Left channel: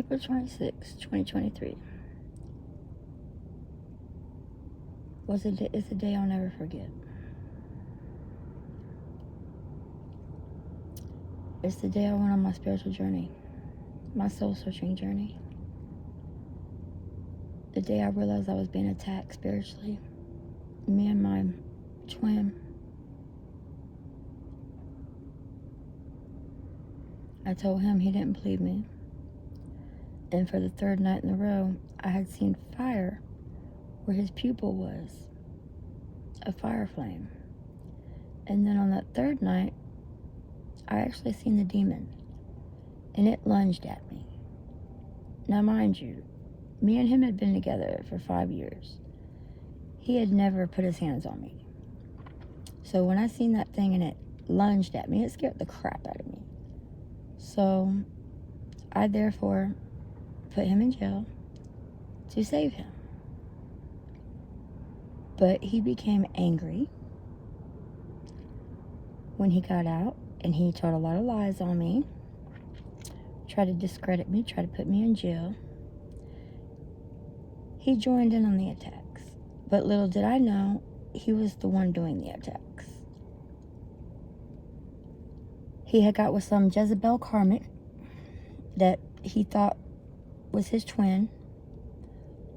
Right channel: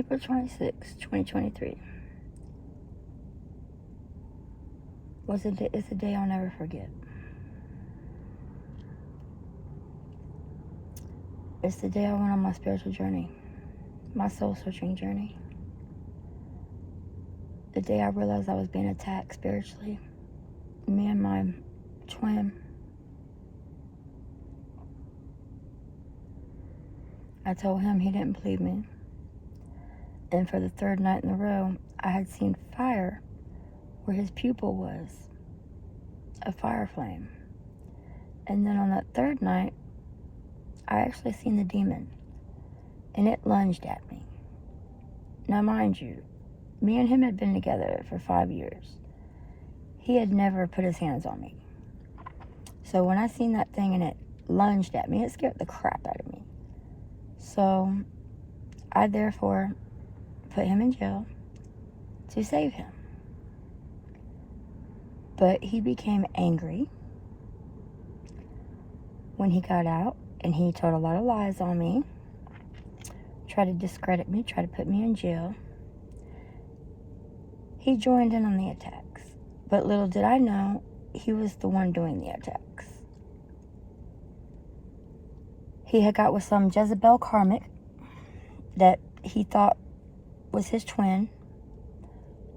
April 26, 2023 it's a day I'll never forget. It's the day I went on my spiritual journey, my soul-searching journey. The day I realized I was being attacked spiritually. Me and my twin. I told him, he didn't believe me. And for the third night in a row, I had seen fire where his pupil was, a fire flame. And then on that third night, I actually seen the demon, and it lunged at me. Now mind you, me and him had been together for 5 years. He had never put his hands on me. So when I seen that thing and it lunged at me, it scared the crap out of me. So I therefore put him in jail to save him. But he became angry when he got out, and he told a lot of lies on me, tried to discredit me, tried to put me in jail. He joined in on the attacks, but little did I know he was the one doing the attacks. He had got with some Jezebel Karmic that he thought was his twin.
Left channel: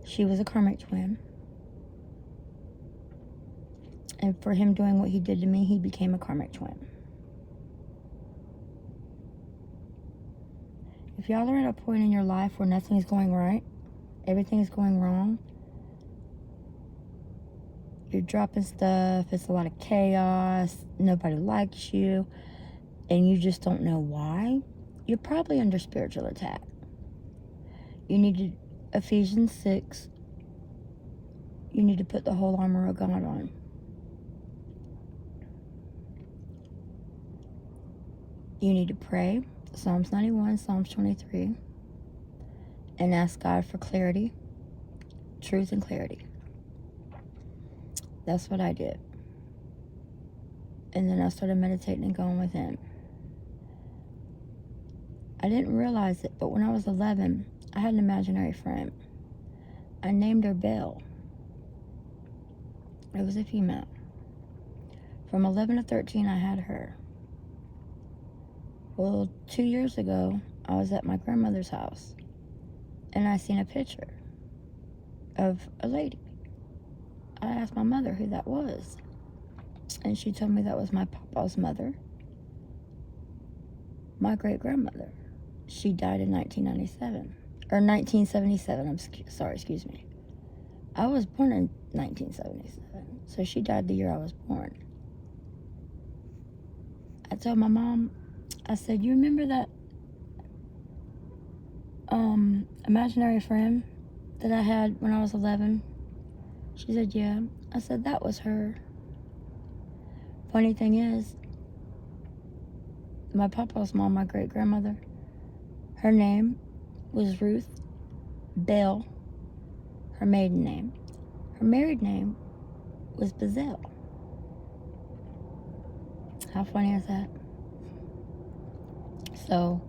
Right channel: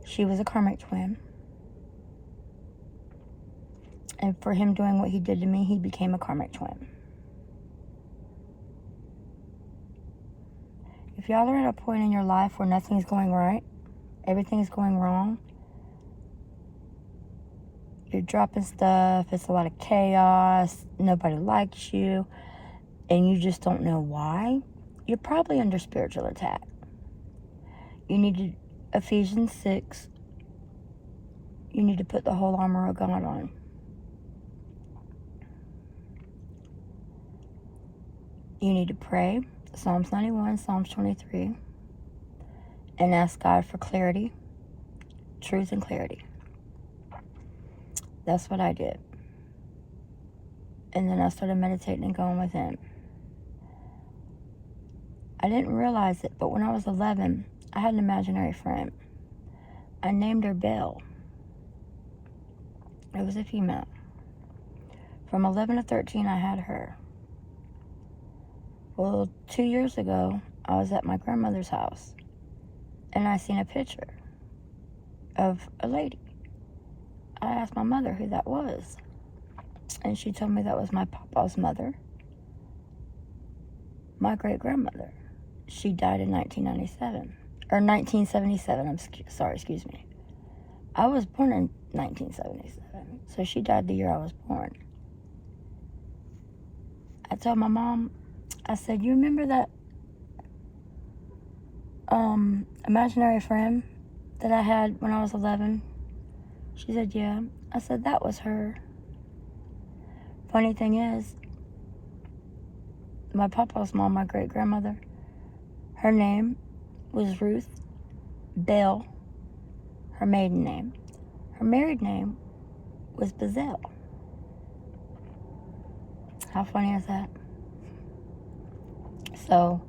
She was a karmic twin. And for him doing what he did to me, he became a karmic twin. If y'all are at a point in your life where nothing's going right, everything's going wrong, you're dropping stuff, it's a lot of chaos, nobody likes you, and you just don't know why, you're probably under spiritual attack. You need to, Ephesians 6, you need to put the whole armor of God on. You need to pray, Psalms 91, Psalms 23, and ask God for clarity, truth and clarity. That's what I did. And then I started meditating and going within. I didn't realize it, but when I was 11, I had an imaginary friend. I named her Belle. It was a female. From 11 to 13, I had her. Well, 2 years ago, I was at my grandmother's house, and I seen a picture of a lady. I asked my mother who that was, and she told me that was my papa's mother, my great-grandmother. She died in 1997, or 1977, excuse me. I was born in 1977, so she died the year I was born. I told my mom, I said, you remember that imaginary friend that I had when I was 11? She said, yeah. I said, that was her. Funny thing is, my papa's mom, my great-grandmother, her name was Ruth Bell, her maiden name. Her married name was Bazell. How funny is that? So,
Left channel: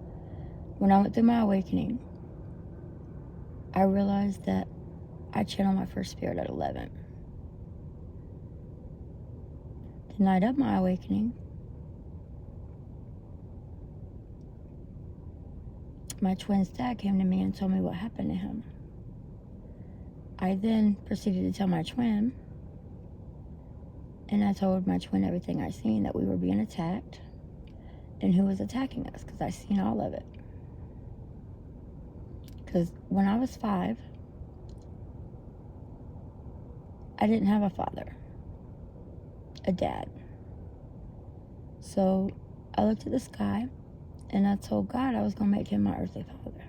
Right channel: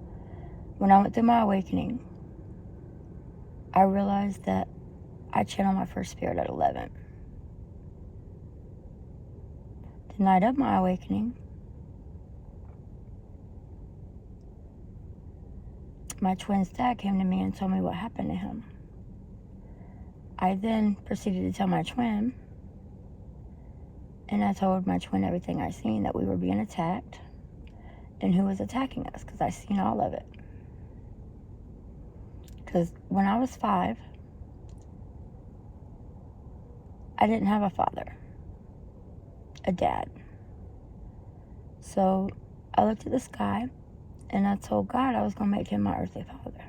when I went through my awakening, I realized that I channeled my first spirit at 11. The night of my awakening, my twin's dad came to me and told me what happened to him. I then proceeded to tell my twin, and I told my twin everything I seen, that we were being attacked, and who was attacking us, because I seen all of it. Because when I was 5, I didn't have a father, a dad. So I looked at the sky, and I told God I was going to make him my earthly father.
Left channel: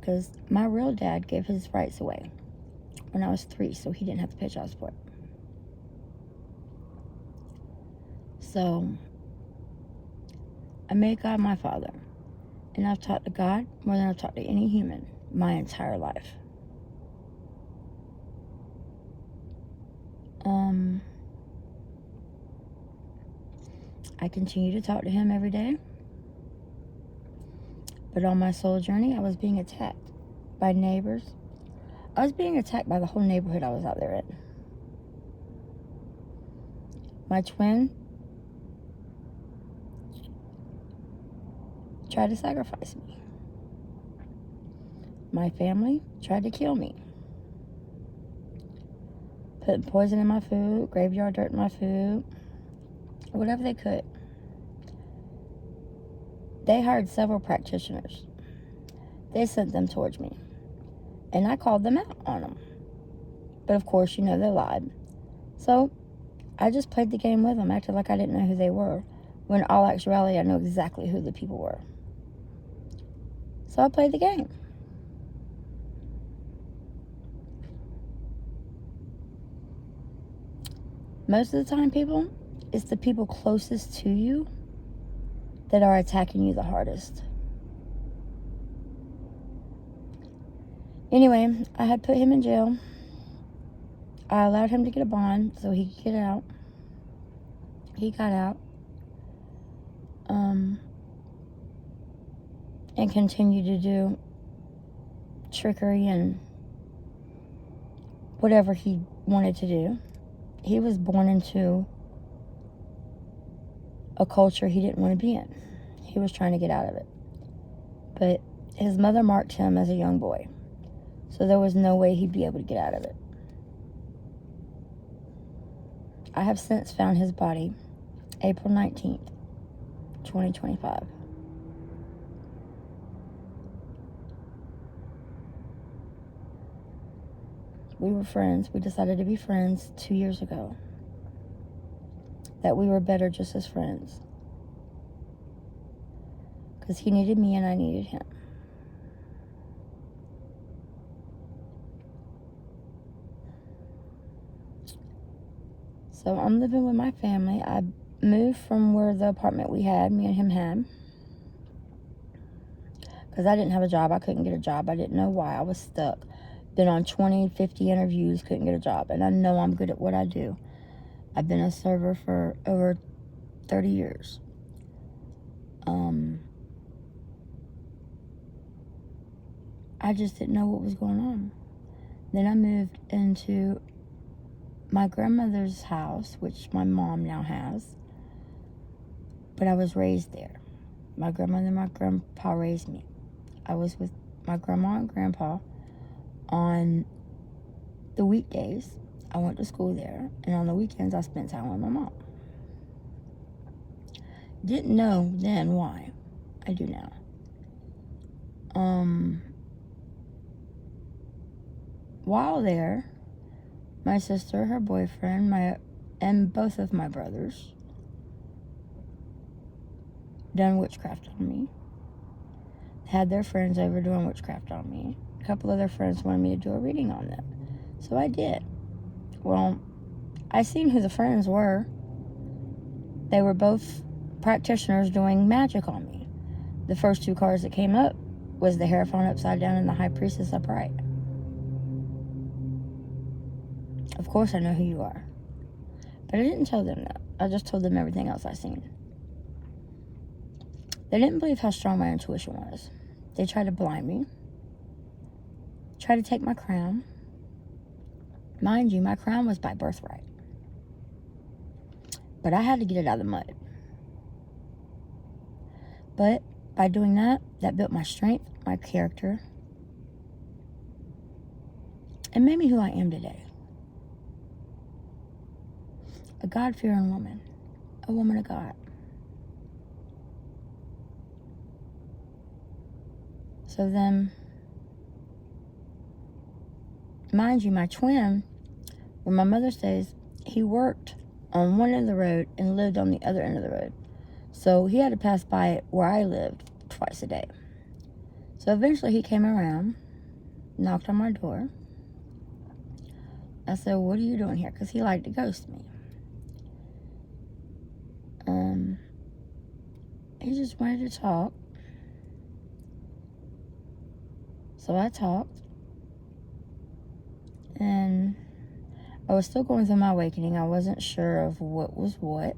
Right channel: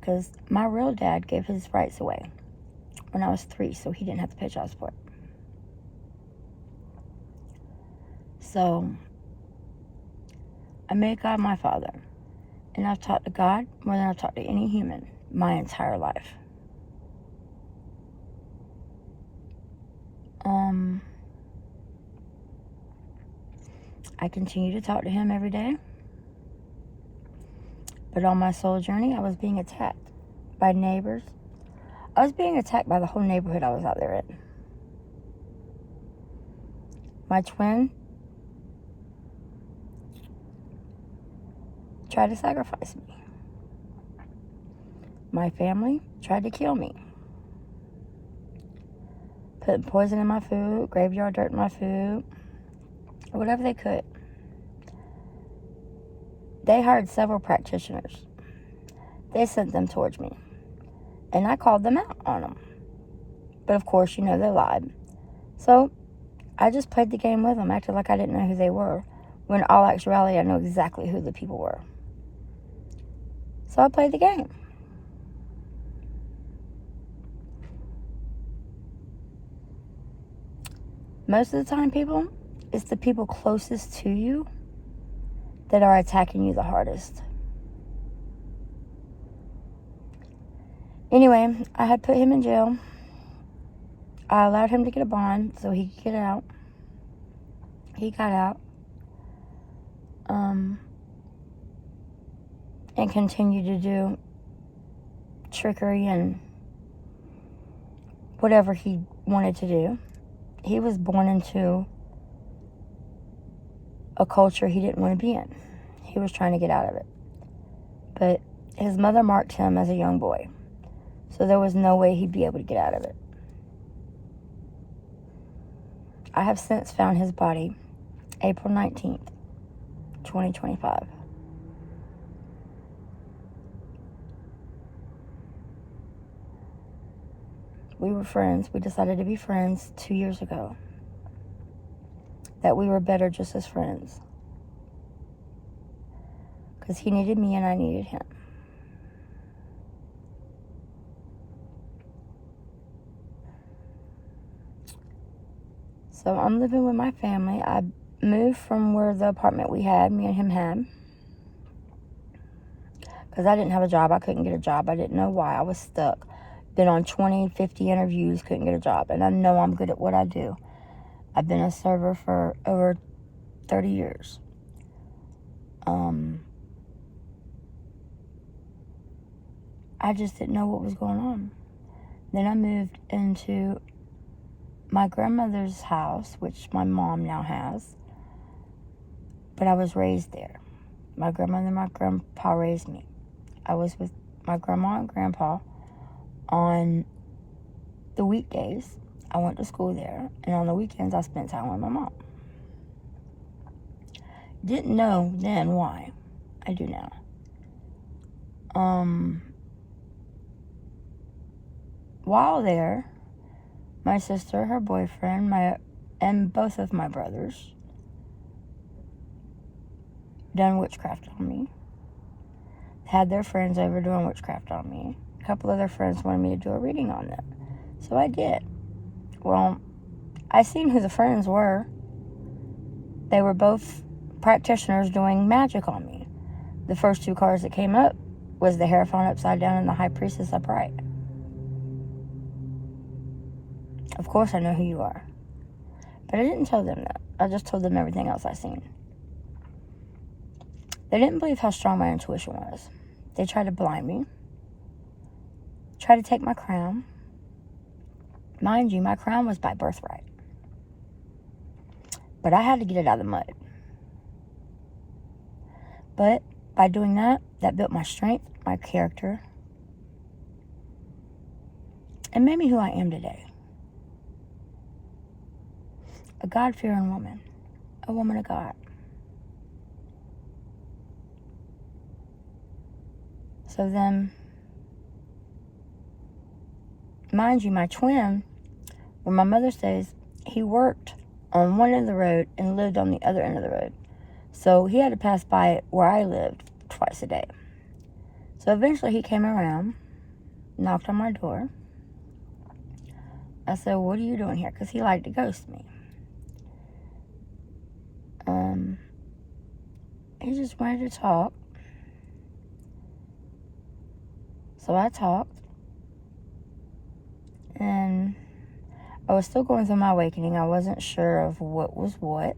Because my real dad gave his rights away when I was 3, so he didn't have to pay child support. So I made God my father. And I've talked to God more than I've talked to any human my entire life. I continue to talk to him every day. But on my soul journey, I was being attacked by neighbors. I was being attacked by the whole neighborhood I was out there in. My twin tried to sacrifice me. My family tried to kill me. Put poison in my food, graveyard dirt in my food, whatever they could. They hired several practitioners. They sent them towards me. And I called them out on them. But of course, they lied. So I just played the game with them, acted like I didn't know who they were, when in all actuality, I know exactly who the people were. So I played the game. Most of the time, people, it's the people closest to you that are attacking you the hardest. Anyway, I had put him in jail. I allowed him to get a bond so he could get out. He got out. And continued to do trickery and whatever he wanted to do. He was born into a culture he didn't want to be in. He was trying to get out of it. But his mother marked him as a young boy. So there was no way he'd be able to get out of it. I have since found his body April 19th, 2025. We were friends. We decided to be friends 2 years ago. That we were better just as friends. Because he needed me and I needed him. So I'm living with my family. I moved from where the apartment me and him had. Because I didn't have a job. I couldn't get a job. I didn't know why. I was stuck. Been on 20, 50 interviews, couldn't get a job. And I know I'm good at what I do. I've been a server for over 30 years. I just didn't know what was going on. Then I moved into my grandmother's house, which my mom now has. But I was raised there. My grandmother and my grandpa raised me. I was with my grandma and grandpa on the weekdays. I went to school there. And on the weekends, I spent time with my mom. Didn't know then why. I do now. While there, my sister, her boyfriend, and both of my brothers done witchcraft on me. Had their friends over doing witchcraft on me. A couple of their friends wanted me to do a reading on them. So I did. Well, I seen who the friends were. They were both practitioners doing magic on me. The first two cards that came up was the Hierophant upside down and the High Priestess upright. Of course I know who you are. But I didn't tell them that. I just told them everything else I seen. They didn't believe how strong my intuition was. They tried to blind me. Tried to take my crown. Mind you, my crown was by birthright. But I had to get it out of the mud. But by doing that, that built my strength, my character, and made me who I am today. A God-fearing woman. A woman of God. So then, mind you, my twin, where my mother stays, he worked on one end of the road and lived on the other end of the road. So he had to pass by where I lived twice a day. So eventually he came around, knocked on my door. I said, "What are you doing here?" Because he liked to ghost me. He just wanted to talk. So I talked. And I was still going through my awakening. I wasn't sure of what was what.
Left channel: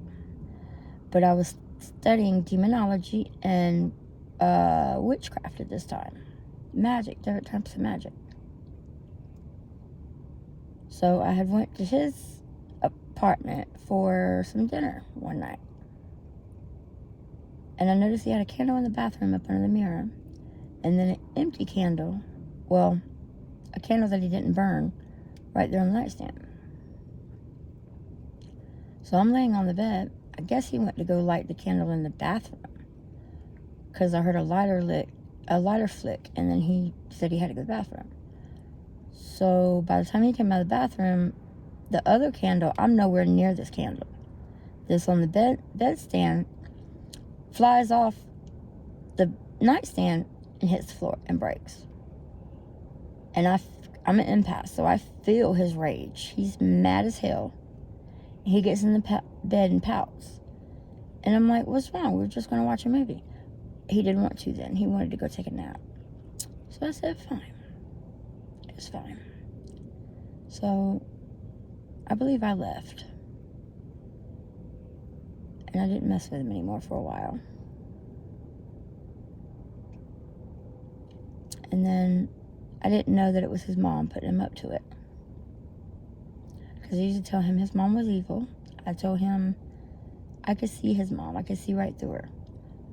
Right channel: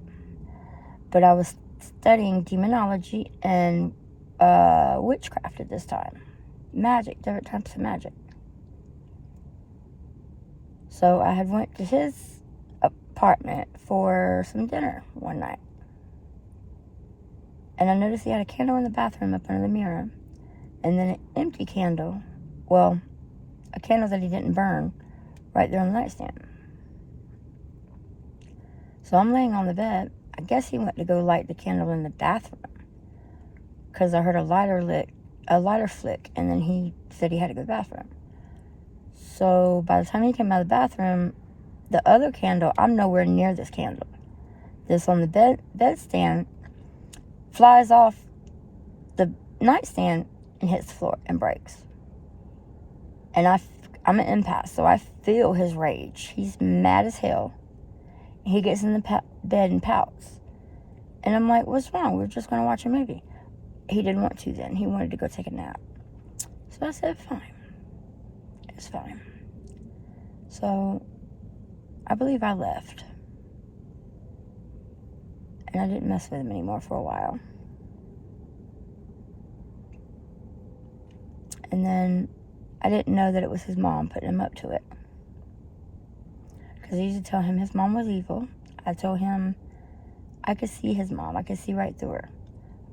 But I was studying demonology and witchcraft at this time. Magic, different types of magic. So I had went to his apartment for some dinner one night. And I noticed he had a candle in the bathroom up under the mirror. And then an empty candle, well, a candle that he didn't burn, right there on the nightstand. So I'm laying on the bed. I guess he went to go light the candle in the bathroom, because I heard a lighter flick, and then he said he had to go to the bathroom. So by the time he came out of the bathroom, the other candle, I'm nowhere near this candle. This on the bedstand flies off the nightstand and hits the floor and breaks. And I'm an empath, so I feel his rage. He's mad as hell. He gets in the bed and pouts. And I'm like, what's wrong? We're just going to watch a movie. He didn't want to then. He wanted to go take a nap. So I said, fine. It's fine. So I believe I left. And I didn't mess with him anymore for a while. And then I didn't know that it was his mom putting him up to it. Because I used to tell him his mom was evil. I told him I could see his mom. I could see right through her.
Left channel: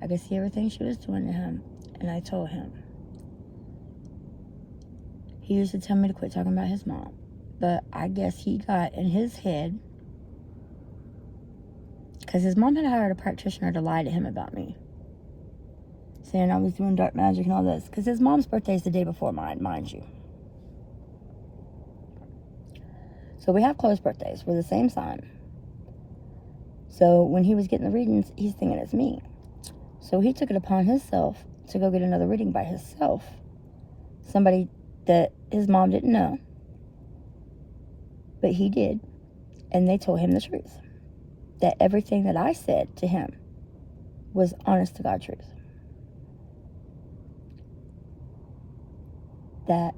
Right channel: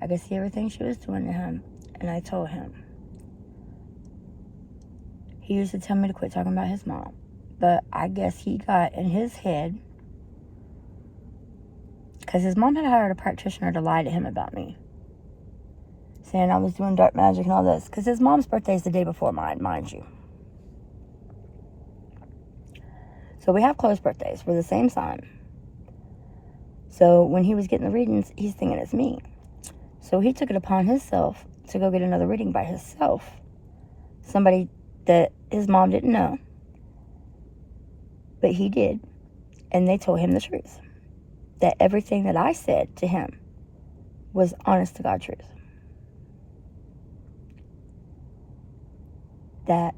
I could see everything she was doing to him. And I told him. He used to tell me to quit talking about his mom. But I guess he got in his head, because his mom had hired a practitioner to lie to him about me, saying I was doing dark magic and all this. Because his mom's birthday is the day before mine, mind you. So we have close birthdays. We're the same sign. So when he was getting the readings, he's thinking it's me. So he took it upon himself to go get another reading by himself. Somebody that his mom didn't know. But he did. And they told him the truth. That everything that I said to him was honest to God truth. That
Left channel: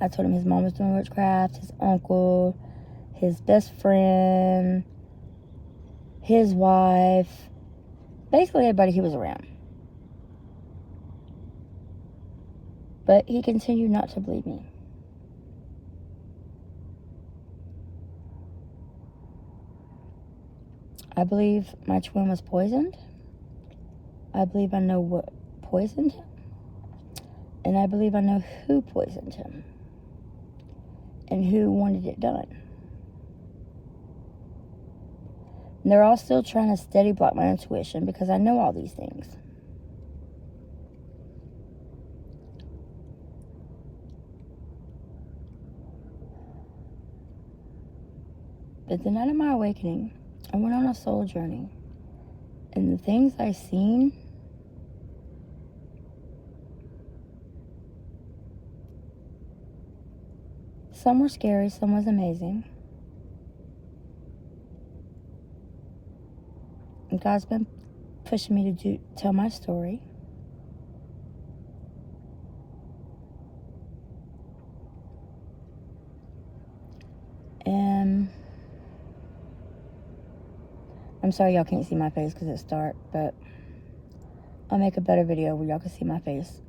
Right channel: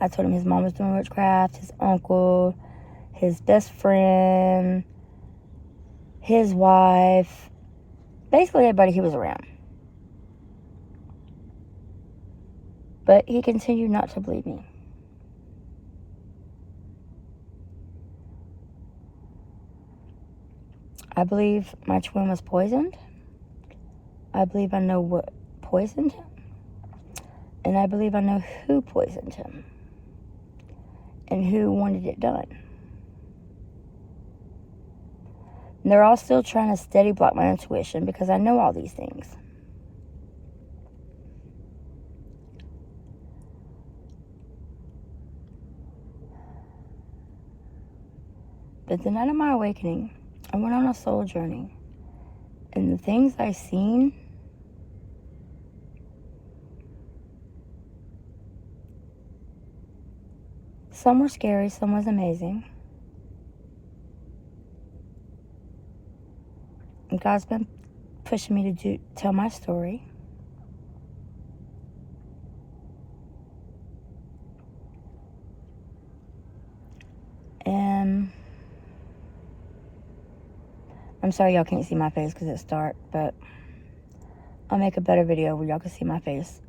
I told him his mom was doing witchcraft, his uncle, his best friend, his wife, basically everybody he was around. But he continued not to believe me. I believe my twin was poisoned. I believe I know what poisoned him. And I believe I know who poisoned him. And who wanted it done. And they're all still trying to steady block my intuition because I know all these things. But the night of my awakening, I went on a soul journey. And the things I seen, some were scary, some was amazing. And God's been pushing me to tell my story. And I'm sorry y'all can't see my face because it's dark, but I'll make a better video where y'all can see my face.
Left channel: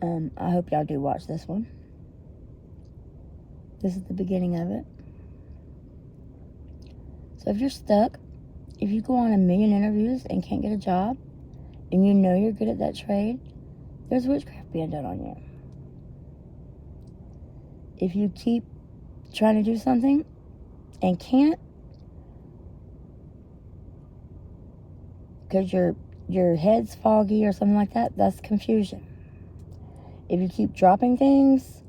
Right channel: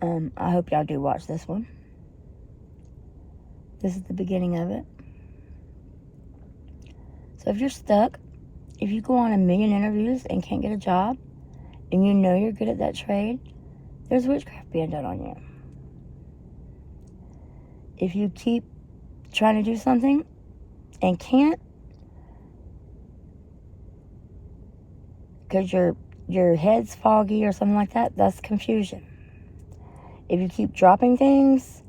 I hope y'all do watch this one. This is the beginning of it. So if you're stuck, if you go on a million interviews and can't get a job, and you know you're good at that trade, there's witchcraft being done on you. If you keep trying to do something and can't, because your head's foggy or something like that, that's confusion. If you keep dropping things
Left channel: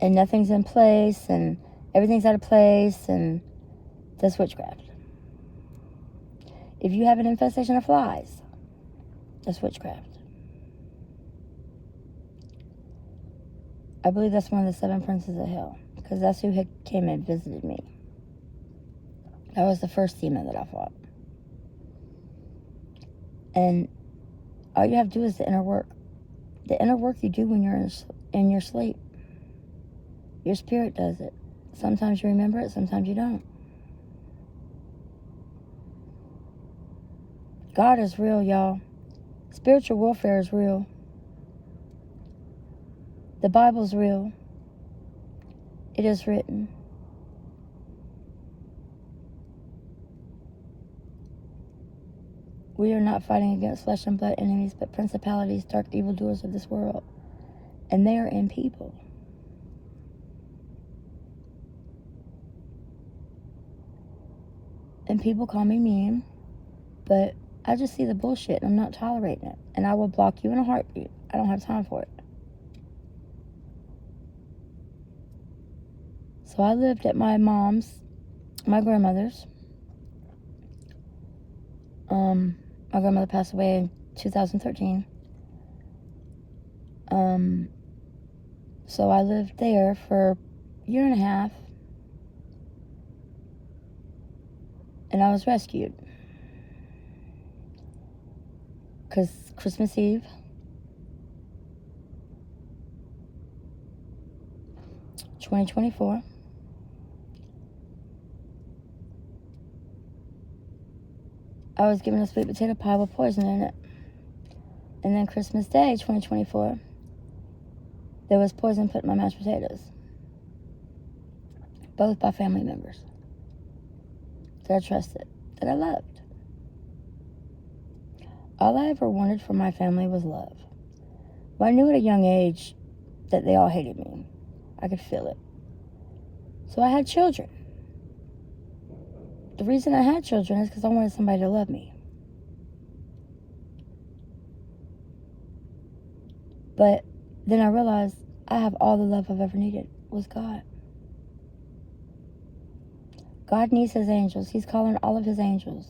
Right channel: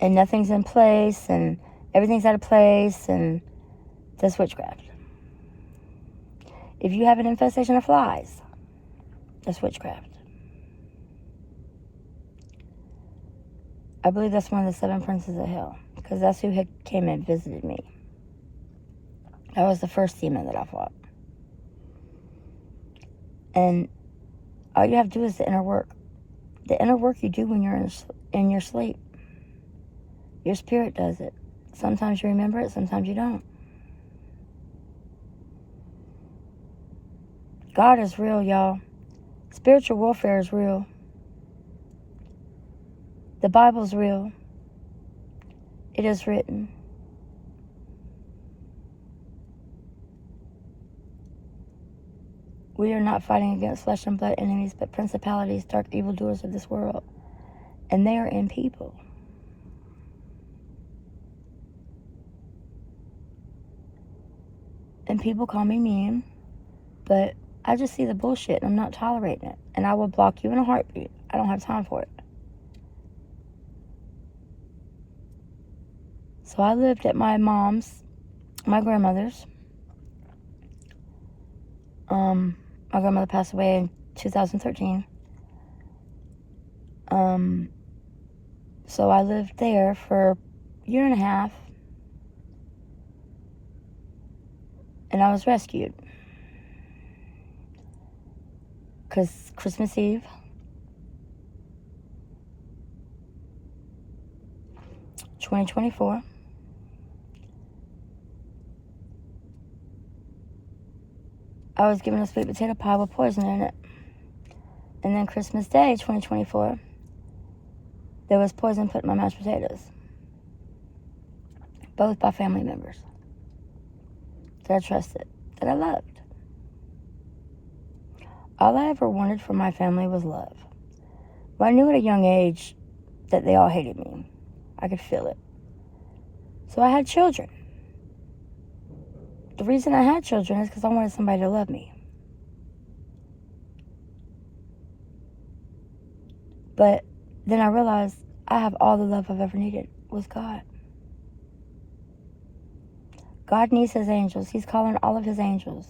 and nothing's in place and everything's out of place, and that's witchcraft. If you have an infestation of flies, that's witchcraft. I believe that's one of the 7 princes of hell, because that's who had came and visited me. That was the first demon that I fought. And all you have to do is the inner work. The inner work you do when you're in your sleep. Your spirit does it. Sometimes you remember it, sometimes you don't. God is real, y'all. Spiritual warfare is real. The Bible's real. It is written. We are not fighting against flesh and blood enemies, but principalities, dark evildoers of this world. And they are in people. And people call me mean, but I just see the bullshit and I'm not tolerating it. And I will block you in a heartbeat. I don't have time for it. So I lived at my grandmother's. My grandmother passed away in 2013. So I lived there for a year and a half. And I was rescued. Because Christmas Eve, (2024), I was given a sweet potato pie with poison in it. And then Christmas Day, 2024, there was poison put in my mashed potatoes. Both by family members that I trusted, that I loved. All I ever wanted from my family was love. But I knew at a young age that they all hated me. I could feel it. So I had children. The reason I had children is because I wanted somebody to love me. But then I realized I have all the love I've ever needed was God. God needs his angels. He's calling all of his angels.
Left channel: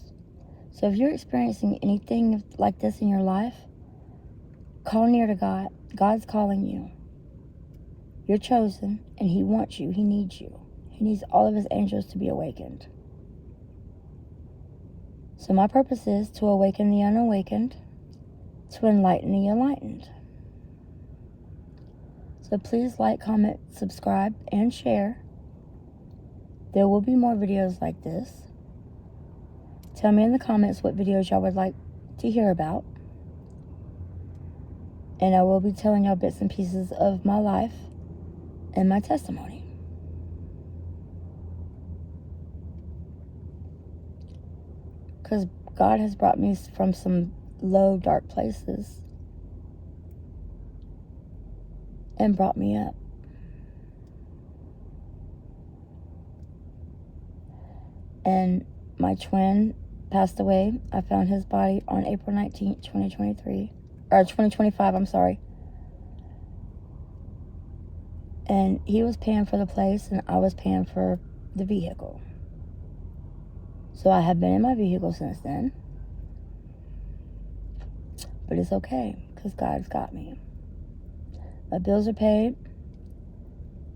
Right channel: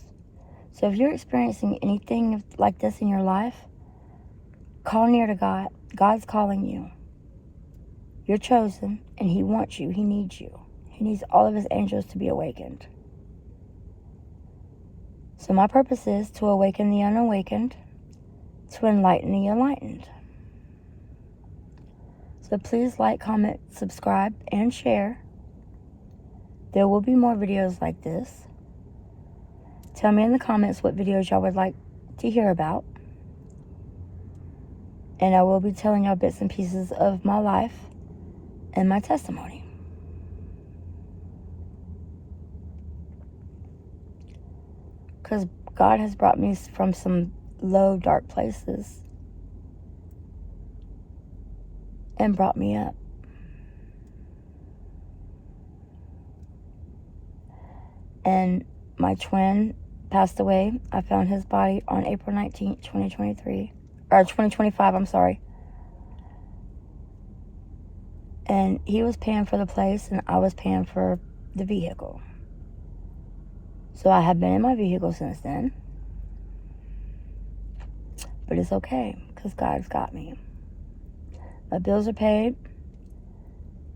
So if you're experiencing anything like this in your life, call near to God. God's calling you. You're chosen, and he wants you. He needs you. He needs all of his angels to be awakened. So my purpose is to awaken the unawakened, to enlighten the enlightened. So please like, comment, subscribe, and share. There will be more videos like this. Tell me in the comments what videos y'all would like to hear about. And I will be telling y'all bits and pieces of my life and my testimony. Because God has brought me from some low, dark places and brought me up. And my twin passed away. I found his body on April 19th, 2023. Or 2025, I'm sorry. And he was paying for the place and I was paying for the vehicle. So I have been in my vehicle since then. But it's okay, because God's got me. My bills are paid.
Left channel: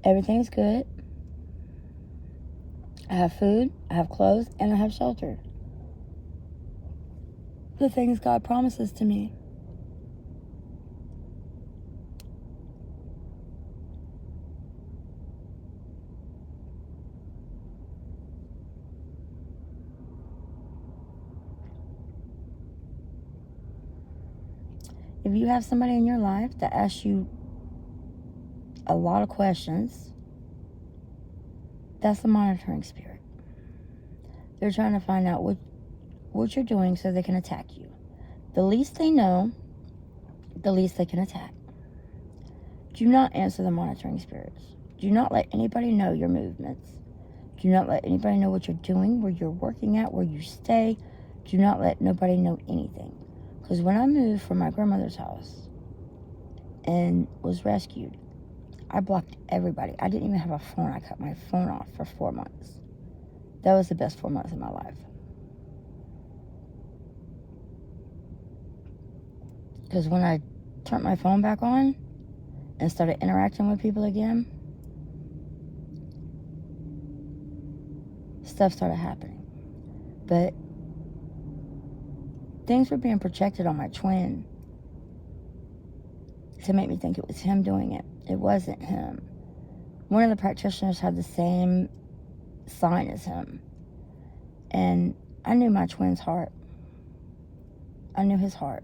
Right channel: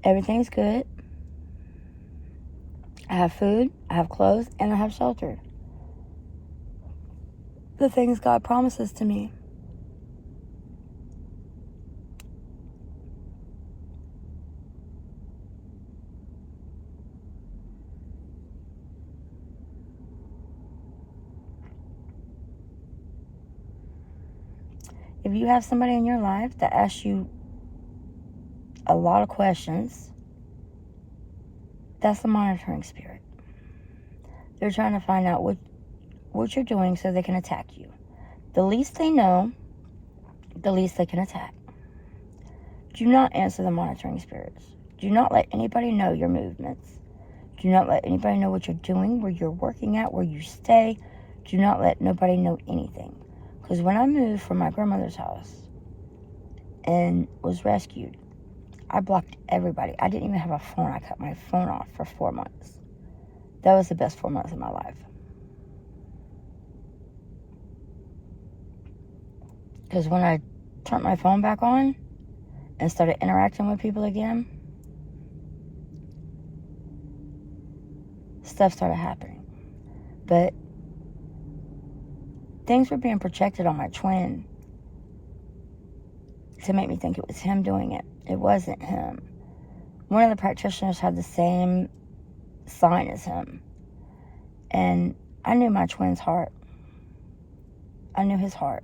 Everything's good. I have food, I have clothes, and I have shelter. The things God promises to me. If you have somebody in your life that asks you a lot of questions, that's a monitoring spirit. They're trying to find out what you're doing so they can attack you. The least they know, the least they can attack. Do not answer the monitoring spirits. Do not let anybody know your movements. Do not let anybody know what you're doing, where you're working at, where you stay. Do not let nobody know anything. Because when I moved from my grandmother's house and was rescued, I blocked everybody. I didn't even have a phone. I cut my phone off for 4 months. That was the best 4 months of my life. Because when I turned my phone back on and started interacting with people again, stuff started happening. But things were being projected on my twin to make me think it was him doing it. It wasn't him. One of the practitioners had the same sign as him. And I knew my twin's heart. I knew his heart.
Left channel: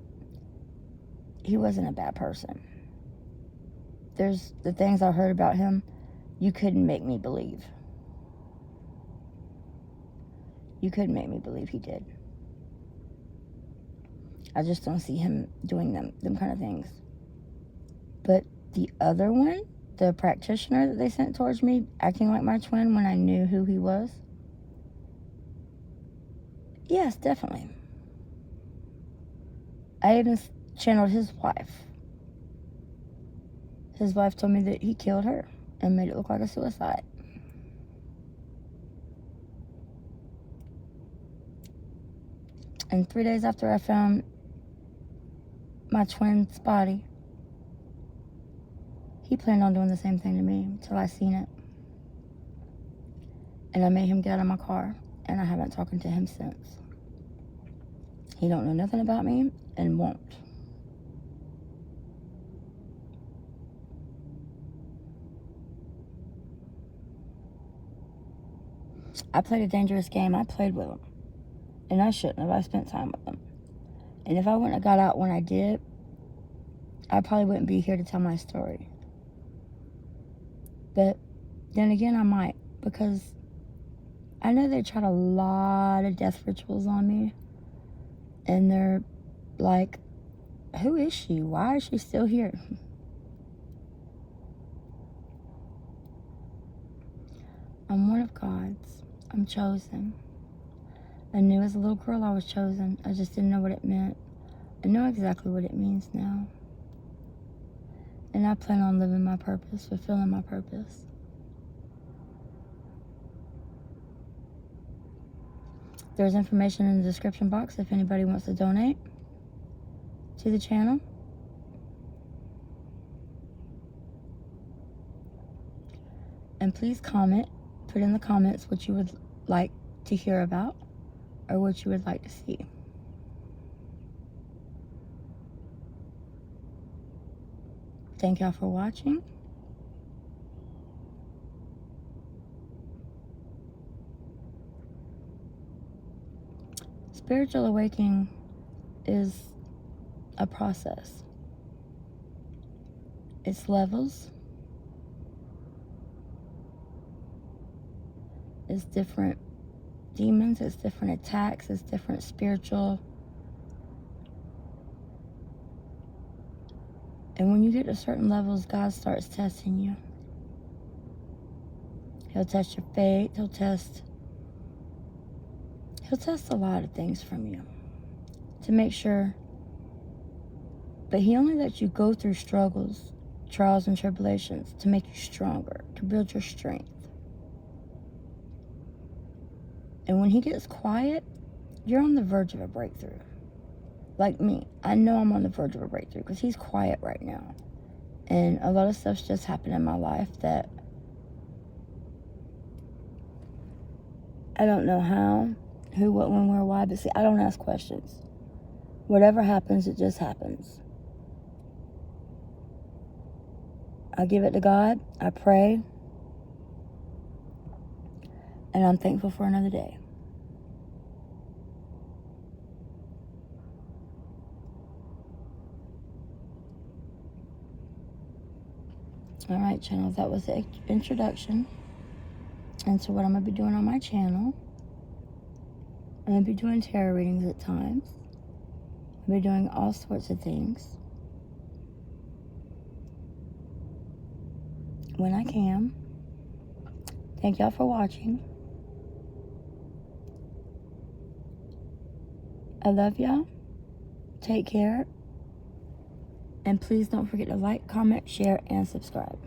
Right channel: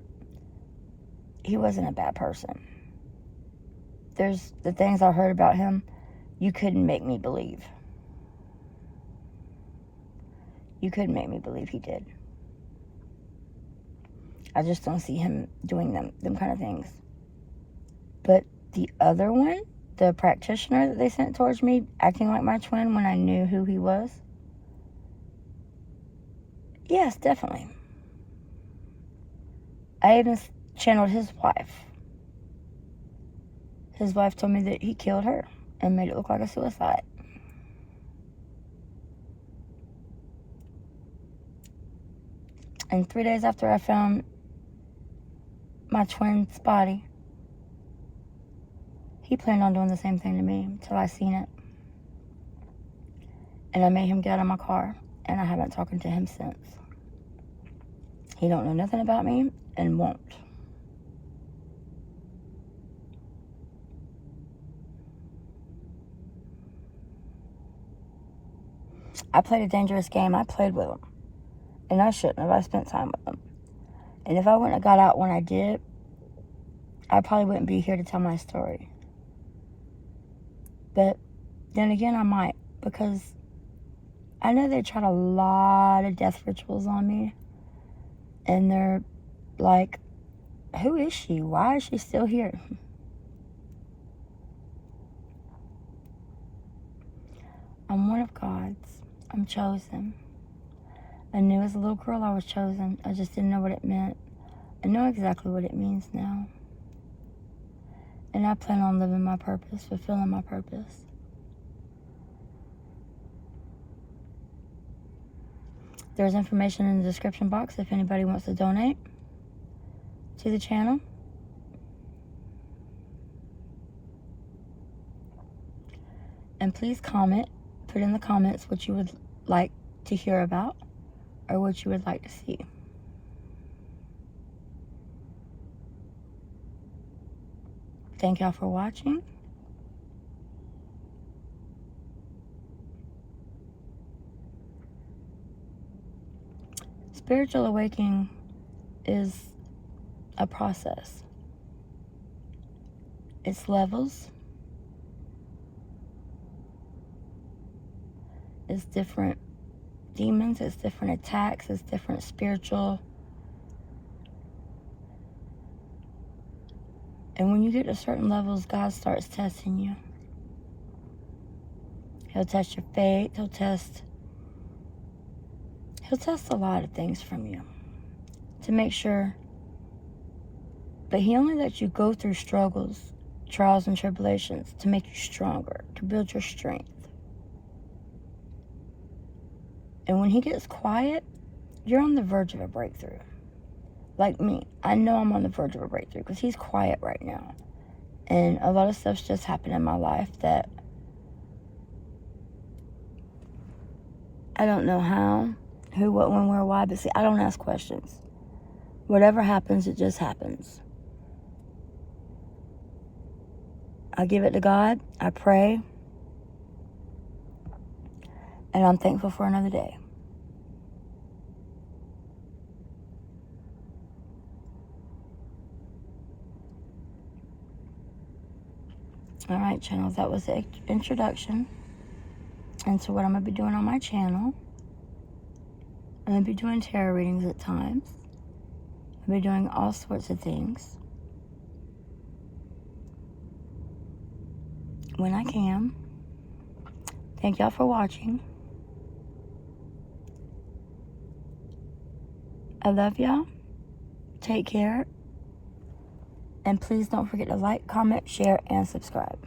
He wasn't a bad person. There's the things I heard about him, you couldn't make me believe. You couldn't make me believe he did. I just don't see him doing them kind of things. But the other one, the practitioner that they sent towards me, acting like my twin when I knew who he was, yes, definitely. I even channeled his wife. His wife told me that he killed her and made it look like a suicide. And 3 days after I found my twin's body, he planned on doing the same thing to me until I seen it. And I made him get out of my car, and I haven't talked to him since. He don't know nothing about me and won't. I played a dangerous game. I played with him. And I shouldn't have. I spent time with him. And if I wouldn't have got out when I did, I probably wouldn't be here to tell my story. But then again, I might, because I know they tried a lot of death rituals on me. And they're like, who is she? Why is she still here? I'm one of God's. I'm chosen. I knew as a little girl I was chosen. I just didn't know what it meant. I know exactly what it means now. And I plan on living my purpose, fulfilling my purpose. There's information in the description box if anybody wants to donate to the channel. And please comment, put in the comments what you would like to hear about or what you would like to see. Thank y'all for watching. Spiritual awakening is a process. It's levels. It's different demons, it's different attacks, it's different spiritual. And when you get to certain levels, God starts testing you. He'll test your faith, he'll test a lot of things from you to make sure. But he only lets you go through struggles, trials, and tribulations to make you stronger, to build your strength. And when he gets quiet, you're on the verge of a breakthrough. Like me, I know I'm on the verge of a breakthrough because he's quiet right now. And a lot of stuff's just happened in my life that I don't know how, who, what, when, where, why. But see, I don't ask questions. Whatever happens, it just happens. I give it to God. I pray. And I'm thankful for another day. Alright, channels, that was the introduction into what I'm going to be doing on my channel. I'm going to be doing tarot readings at times. I'll be doing all sorts of things when I can. Thank y'all for watching. I love y'all. Take care. And please don't forget to like, comment, share, and subscribe.